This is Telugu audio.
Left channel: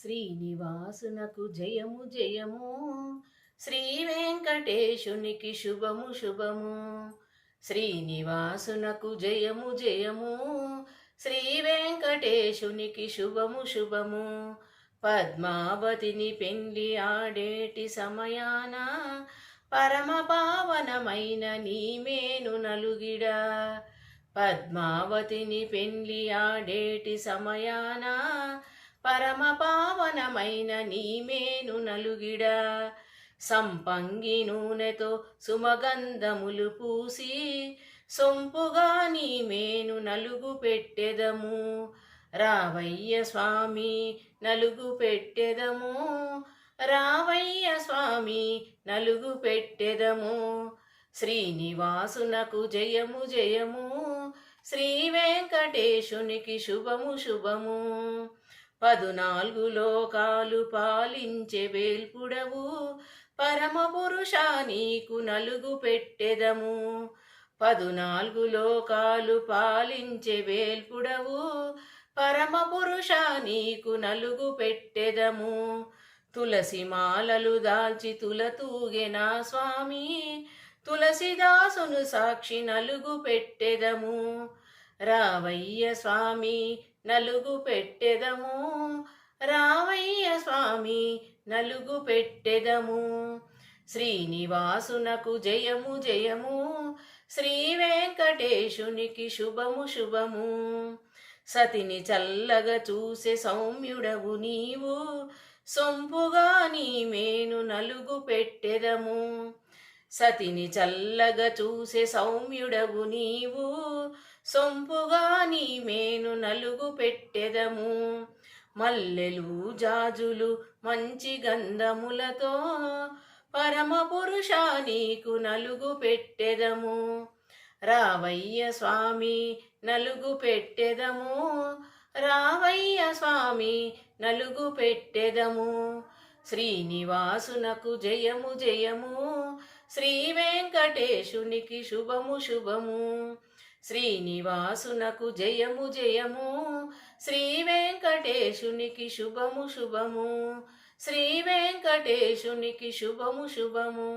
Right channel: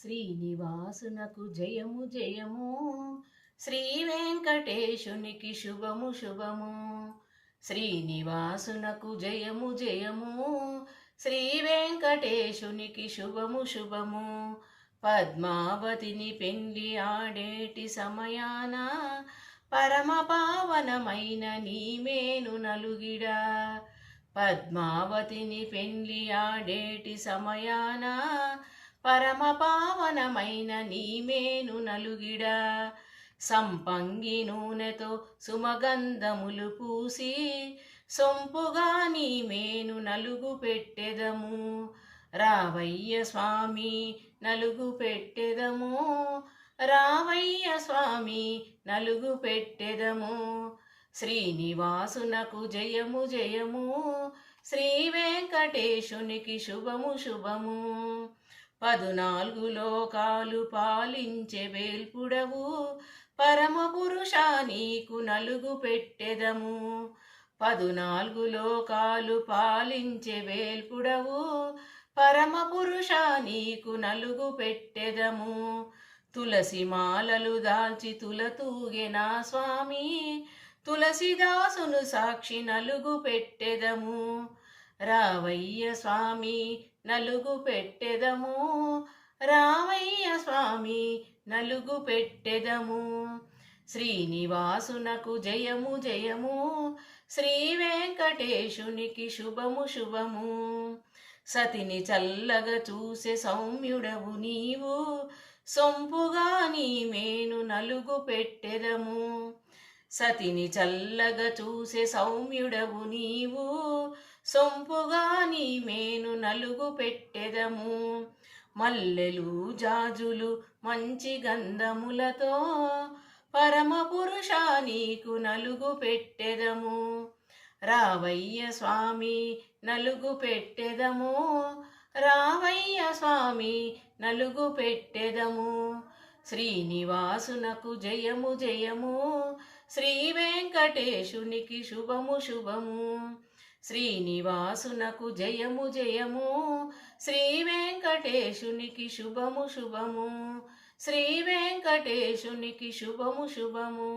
శ్రీనివాసునకు జయము జయము, శ్రీ వెంకటేశునికి శుభము శుభము. శ్రీనివాసునకు జయము జయము, శ్రీ వెంకటేశునికి శుభము శుభము. పద్మావతిని పెండ్లి ఆడేటి సమయాన పరమ పావనమైన నీమేను నలుగిడా. పద్మావతిని పెండ్లి ఆడేటి సమయాన పరమ పావనమైన నీమేను నలుగిడా. సంపంగి నూనెతో సుమగంధములు పూసి సొంపుగా నీమేను నలుగు పెట్టెదము. రావయ్య స్వామి నలుగు పెట్టెదము, రావయ్య స్వామి నలుగు పెట్టెదము. శ్రీనివాసునకు జయము జయము, శ్రీ వెంకటేశునికి శుభము శుభము. 14 లోకాలు పాలించే వేల్పుడవు, పరమ పురుష నీకు నలుగు పెట్టెదము. 14 లోకాలు పాలించే వేల్పుడవు, పరమ పురుష నీకు నలుగు పెట్టెదము. తులసి మాలలు దాల్చి తులతూగెనా స్వామి, తులసిదాసును సాక్షి నలుగు పెట్టెదము. రావయ్య స్వామి నలుగు పెట్టెదము, రావయ్య స్వామి నలుగు పెట్టెదము. శ్రీనివాసునకు జయము జయము, శ్రీ వెంకటేశునికి శుభము శుభము. సతిని చల్లగా చూసే సౌమ్యుడవు నీవు, సొంపుగా నీమేను నలుగు పెట్టెదము. సతిని చల్లగా చూసే సౌమ్యుడవు నీవు, సొంపుగా నీమేను నలుగు పెట్టెదము. మల్లెలు జాజులు మంచి గంధములతో పరమ పురుష నీకు నలుగు పెట్టెదము. రావయ్య స్వామి నలుగు పెట్టెదము, రావయ్య స్వామి నలుగు పెట్టెదము. శ్రీనివాసునకు జయము జయము, శ్రీ వెంకటేశునికి శుభము శుభము. శ్రీనివాసునకు జయము జయము, శ్రీ వెంకటేశునికి శుభము శుభము. శ్రీ వెంకటేశునికి శుభము శుభము.